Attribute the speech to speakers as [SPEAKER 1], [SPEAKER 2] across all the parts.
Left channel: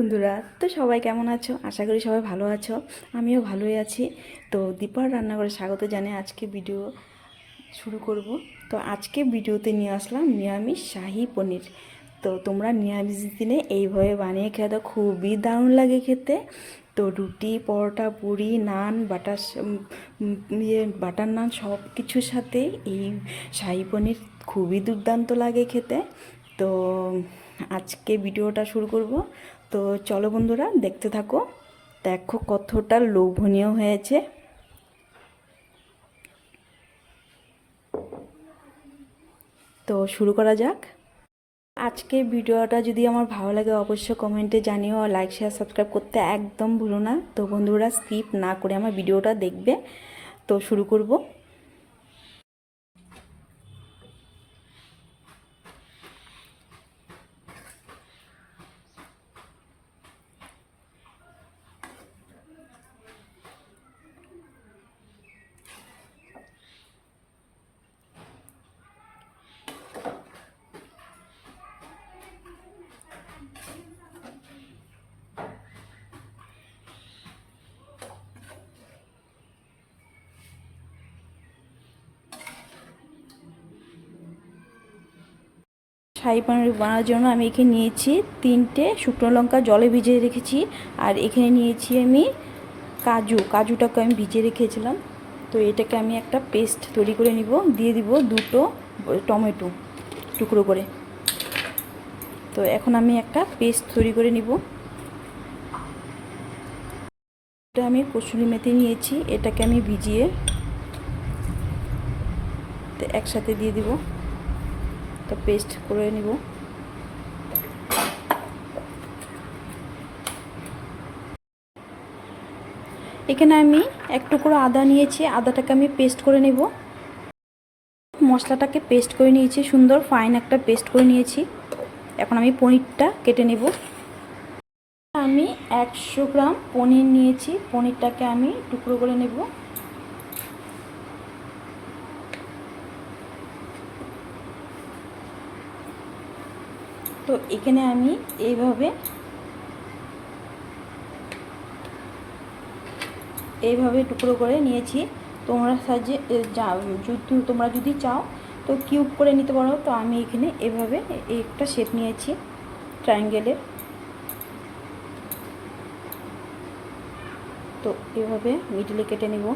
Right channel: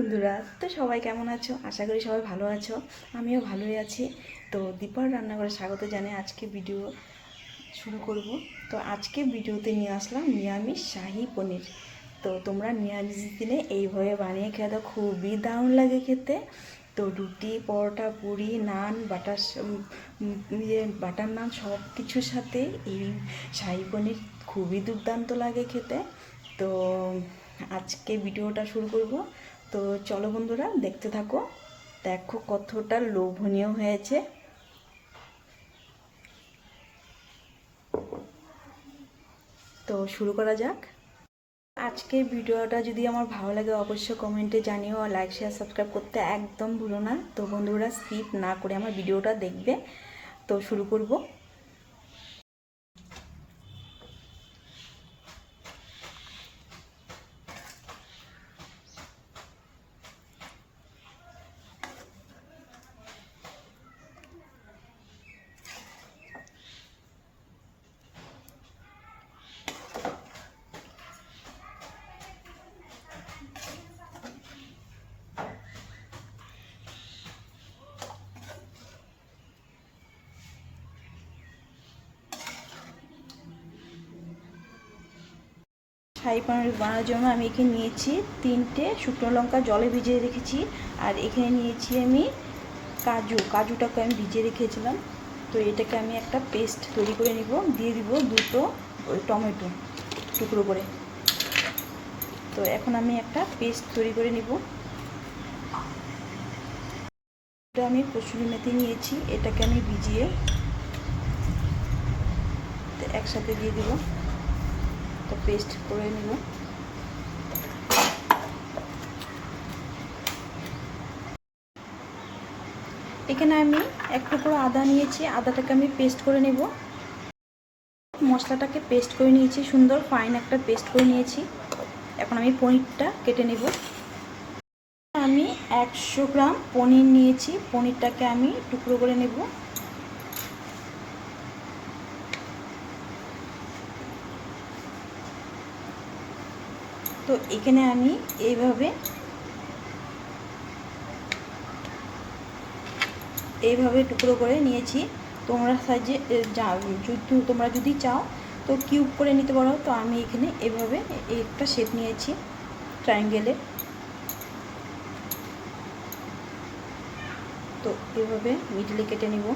[SPEAKER 1] বন্ধুরা? তো সবাই কেমন আছো? আশা করি সবাই ভালো আছো। আমিও ভালোই আছি। তো দীপার রান্নাঘরে স্বাগত জানিয়ে আজকে ভিডিও শুরু করব। তো আজকে ভিডিওতে নিয়ে আসলাম নিরামিষ শাহি পনির। তো তোমরা নিরামিষ দিনে এইভাবে বানিয়ে খেতে খুবই দারুণ লাগে খেতে। তো রুটি, পরোটা, পুরি, নান, বাটার ইয়ে বাটার নান সব কিছুর সাথে এই শাহি পনির খুবই দুর্দান্ত লাগে খেতে। তো আজকে ভিডিওটা শুরু করব। তো চলো বন্ধুরা, দেখতে থাকো। দেখো কতটা লোভনীয় হয়েছে। তো শুরু করা যাক। আজকে ভিডিওটা যদি আমার ভালো লাগে, অবশ্যই কমেন্টে জানিও। লাইক শেয়ার সাবস্ক্রাইব করতে একদম ভুলো না। তো বন্ধুরা স্কিপ না করে আমার ভিডিওটা দেখবে। তো শুরু করব। শাহি পনির বানানোর জন্য আমি এখানে নিয়েছি তিনটে শুকনো লঙ্কা জলে ভিজিয়ে রেখেছি। আর এখানে নিয়েছি আমি কাজু, কাজুটাকে আমি ভিজিয়ে রেখেছিলাম। তো এটাকে আমি একটা পেস্ট তৈরি করে নিব। দিয়ে দিব দুটো টমেটো টুকরো করে। তো এখন আমি একটা পেস্ট তৈরি করে নিব। এটা আমি কসুরি মেথি নিয়েছি। এটাকে আমি ভিজিয়ে একসাথে দিয়ে দিব। তো পেস্ট করে নিব। এখানে আমি এক টুকরো আদা নিয়েছি, আদাটাকে আমি পেস্ট করে নেব। মশলাটাকে পেস্ট করে নিয়েছি, সুন্দর ফাইন একটা পেস্ট করে নিয়েছি। এখন আমি পনিরটা কেটে নেব। আমি একশো গ্রাম পনির নিয়েছি, পনিরটাকে আমি টুকরো করে নেব। তো এখানে আমি এইভাবে এইভাবে টুকরো করে নিয়েছি। তোমরা সাইজে যা যদি তোমরা যদি চাও, তো কিউব করে নিতে পারো। তো আমি এখানে এভাবে একটা শেপ নিয়েছি ট্রায়াঙ্গেলের তো এভাবে মিডলে কেটে নিব।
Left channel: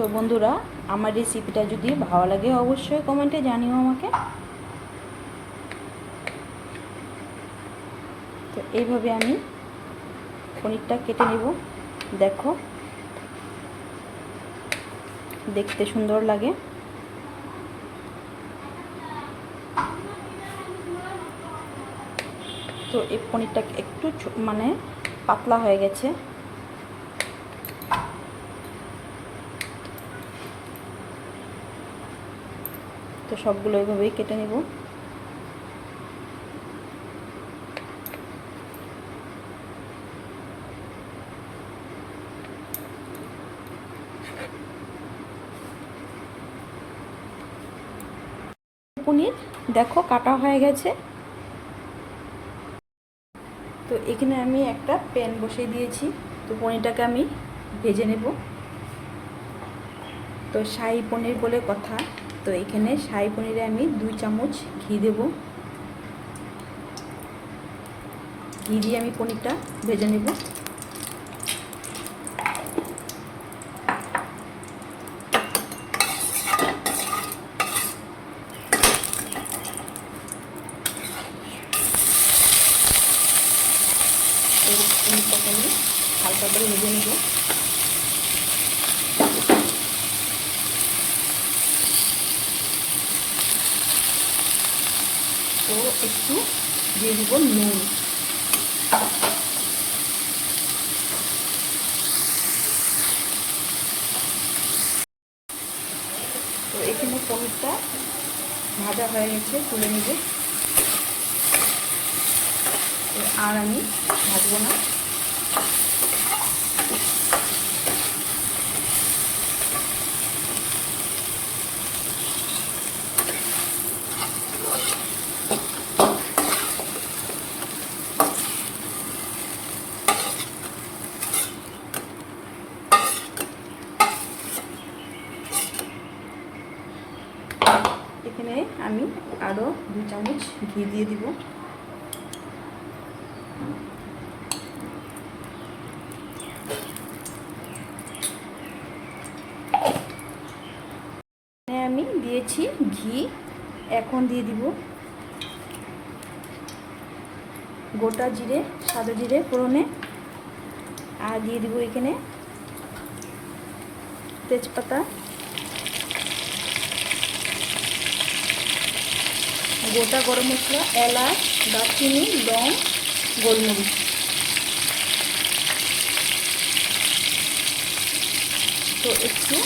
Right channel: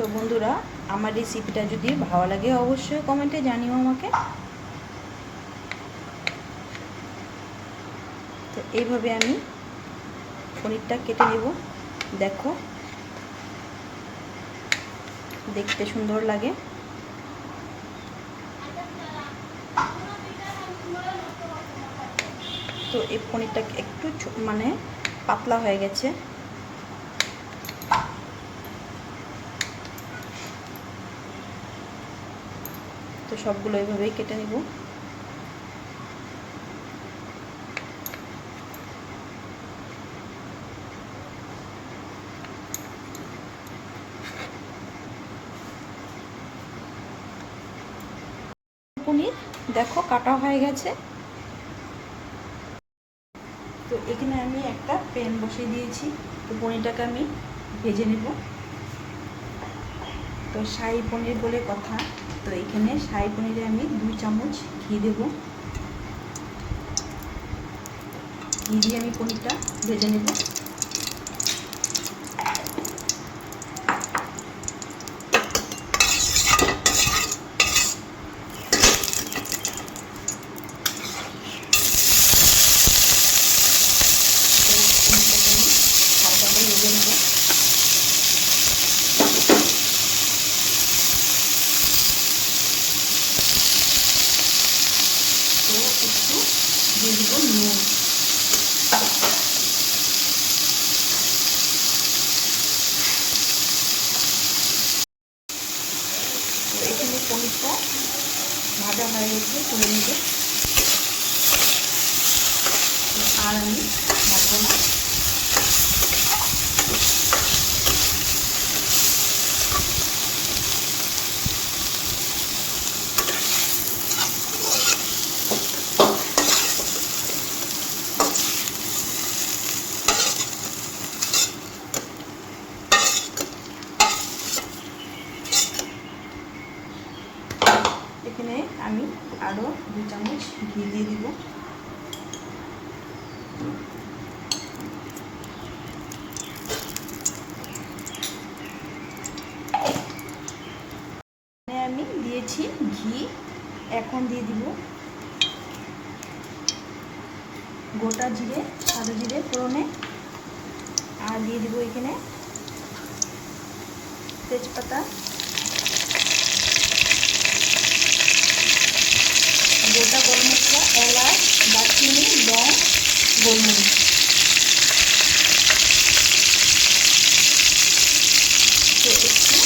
[SPEAKER 1] তো বন্ধুরা, আমার রেসিপিটা যদি ভালো লাগে অবশ্যই কমেন্টে জানিও আমাকে। তো এইভাবে আমি পনিরটা কেটে নেব। দেখো, দেখতে সুন্দর লাগে। তো এই পনিরটা একটু মানে পাতলা হয়ে গেছে। তো সবগুলো এভাবেই কেটে নেব। পনির, দেখো কাটা হয়ে গেছে। তো এখানে আমি একটা প্যান বসিয়ে দিয়েছি। তো পনিরটাকে আমি ভেজে নেব। তো শাহী পনির বলে কথা। তো এখানে শাহি পনিরে আমি দুই চামচ ঘি দেব। ঘি দিয়ে আমি পনিরটা ভেজে নেব। তো এখানে পনিরটা ভাজা হয়ে গেছে তুলে নেবে। আর আমি ভাজবো না। আমি দিয়েছি ঘি। এখন দিয়ে দিব গোটা জিরে, সাদা জিরে ফোড়নে। আর দিয়ে দিব এখানে তেজপাতা। গোটা গরম মশলা, এলাচ, দারচিনি, লং গোলমরিচ। তো একটু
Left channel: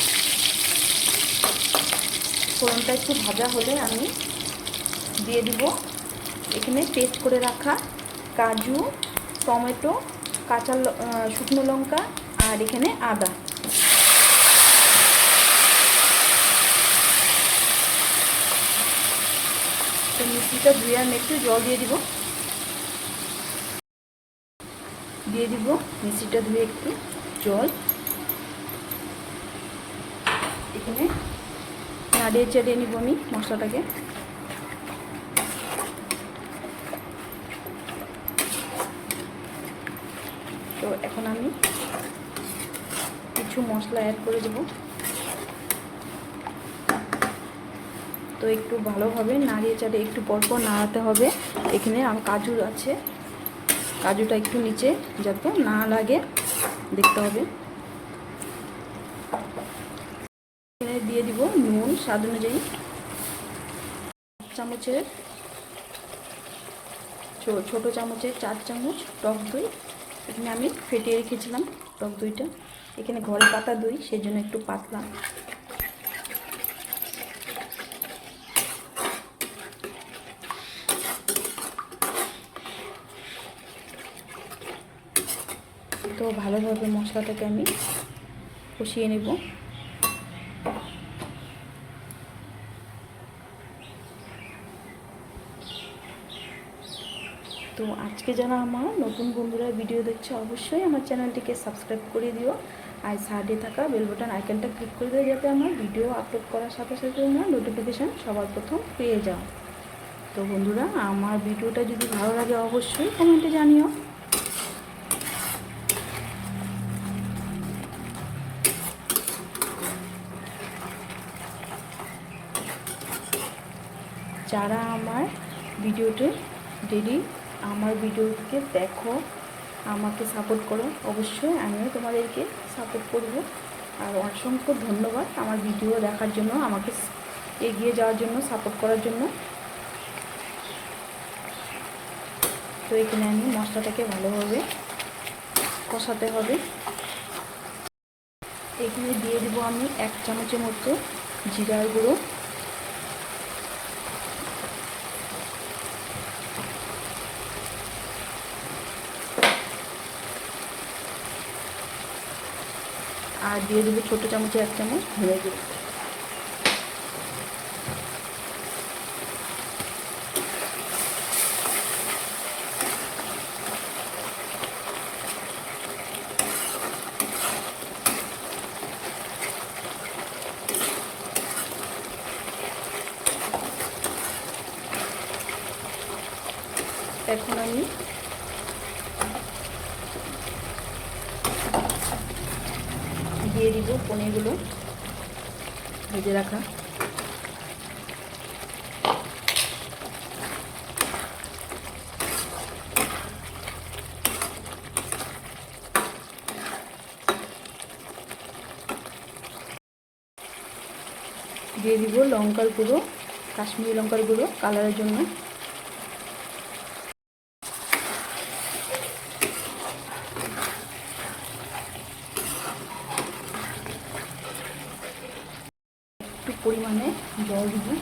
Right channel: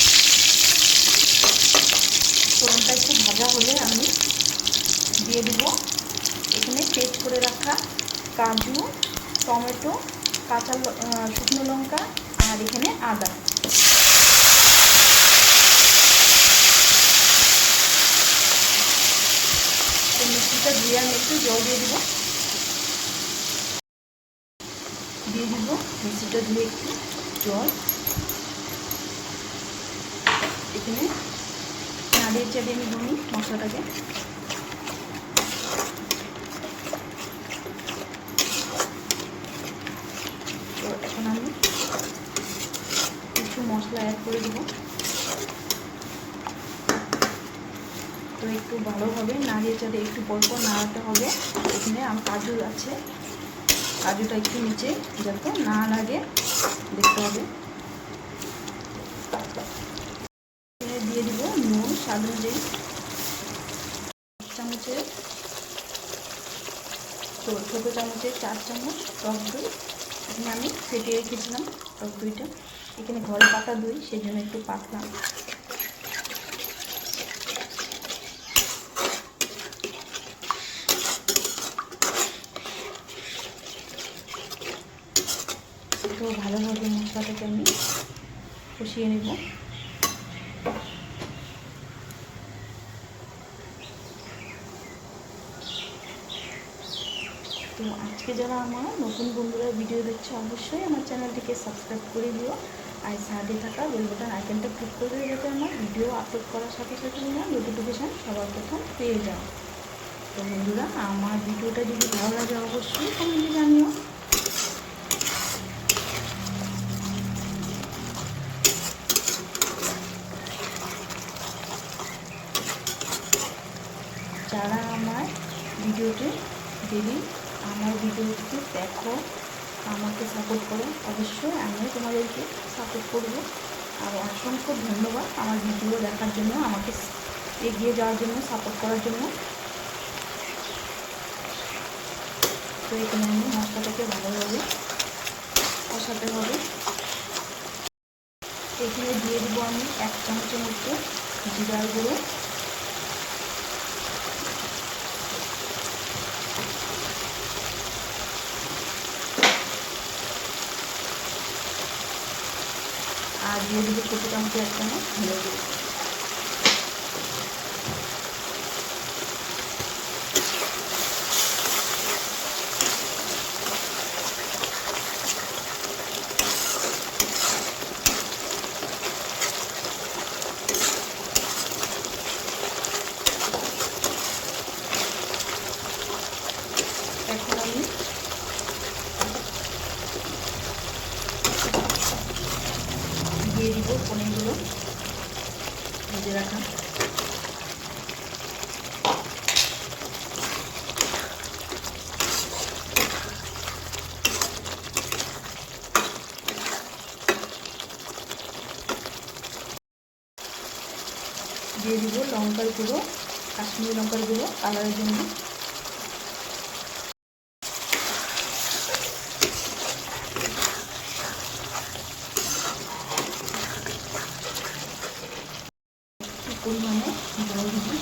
[SPEAKER 1] ফোড়নটা একটু ভাজা হলে আমি দিয়ে দিব। এখানে পেস্ট করে রাখা কাজু, টমেটো, কাঁচা শুকনো লঙ্কা আর এখানে আদা। মিষ্টিটা ধুয়ে আমি একটু জল দিয়ে দিব। দিয়ে দিব মিষ্টিটা ধুয়ে একটু জল। এখানে নাড়িয়ে চাড়িয়ে আমি বনি মশলাটাকে। তো এখন আমি কিছু মশলা অ্যাড করে দেবো। তো একটু ভালোভাবে নাড়িয়ে চাড়িয়ে একটু পরপর নাড়াতে হবে। এখানে আম কাজু আছে। কাজুটা একটু নিচে যাতে না লাগে, দেখতে হবে। দিয়ে দিব নুন, স্বাদ অনুযায়ী। চামচের ছোটো চামচের চার চামচ টক দই। এখানে আমি ফেটিয়ে রেখেছিলাম টক দইটা। এখানে ঘরে পাতা দই সেই জন্য একটু পাতলা তো ভালোভাবে মশলাটাকে আমি কষিয়ে নেব। তো আজকে যারা আমার নতুন বন্ধুরা ভিডিও দেখছে, অবশ্যই আমার চ্যানেলটিকে সাবস্ক্রাইব করে দিও আর সাইডে থাকা বেল বাটন আইকনটা ক্লিক করে যাতে আমার ভিডিও আপলোড করার সাথে সাথে আমার নোটিফিকেশান সবার প্রথম পেয়ে যাও। তো বন্ধুরা, আমার ভিডিওটা যদি ভালো লাগে অবশ্যই কমেন্টে জানিও। ভিডিওতে ডেলি আমার ভিডিওকে দেখো, আমাকে সাপোর্ট করো, অবশ্যই আমিও তোমাদেরকে সাপোর্ট করব। আর অসংখ্য ধন্যবাদ আমার ভিডিও দেখার জন্য, আমাকে এগিয়ে যাওয়ার জন্য সাপোর্ট করার জন্য। তো এখানে আমি মশলাটাকে ভালোভাবে কষাতে হবে। এখানে দিয়ে দেবো আমি এক চামচের মতো জিরার গুঁড়ো। আর দিয়ে দিব ছোটো চামচের এক চামচ ধরে গুঁড়ো এখন আমি দিয়ে দিব পনিরগুলো ভেজে রাখা। দিয়ে দিব লঙ্কার গুঁড়ো কাশ্মীরি লঙ্কার গুঁড়ো কালারের জন্য। পরিমাণে জল দিবি।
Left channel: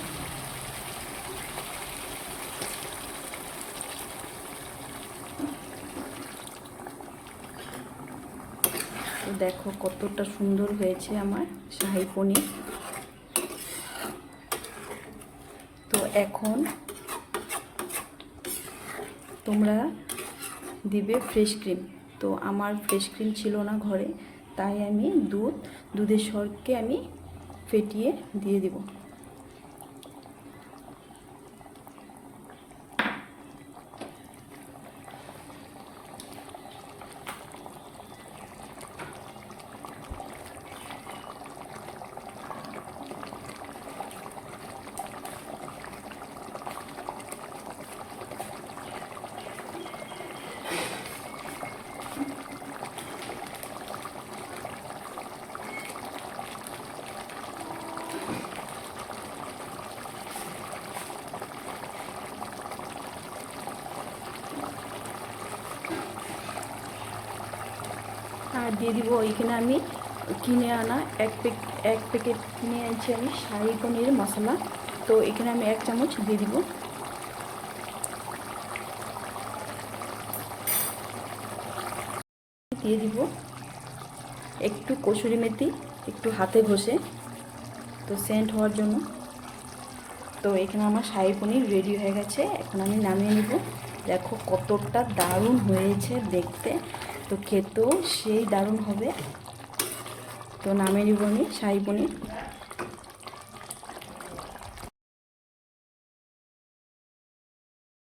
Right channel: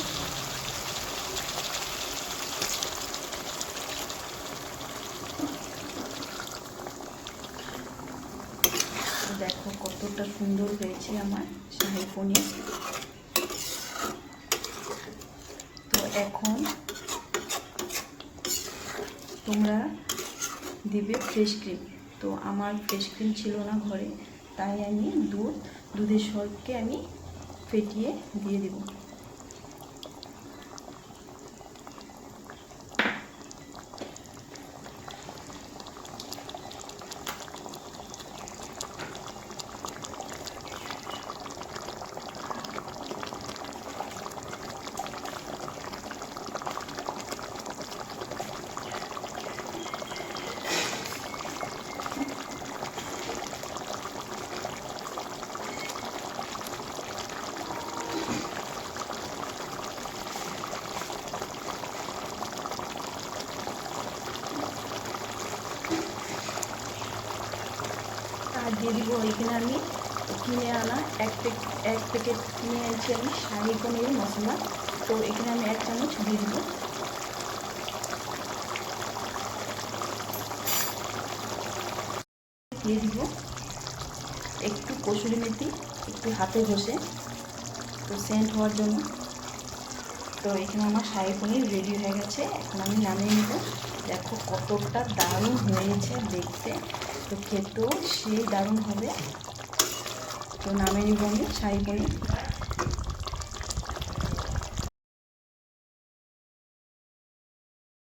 [SPEAKER 1] দেখো কতটা সুন্দর হয়েছে আমার শাহী পনির। তো এখন তোমরা দিবে ফ্রেশ ক্রিম তো আমার ফ্রেশ ক্রিম ছিল না ঘরে, তাই আমি দুধ, দুধের সরকে আমি ফেটিয়ে দিয়ে দেব আর দিয়ে দিব এখানে আমি কিনে আনা। এক এক প্যাকেট কিনে আনছি আমি শাহি পনির মশলা। তো এখানে আমি এক চামচ দিয়ে দিব। দিয়ে দিব একটু কসুরি মেথি, একটু হাতে ঘষে। তো সেন্ট হওয়ার জন্য। তো এখানে আমার শাহি পনির রেডি হয়ে গেছে। এখন আমি নামিয়ে নেব। দেখো কতটা দারুণ হয়েছে দেখতে। তো খেতেও সেই দারুণ হবে। তো নামিয়ে বমি শাহি পনির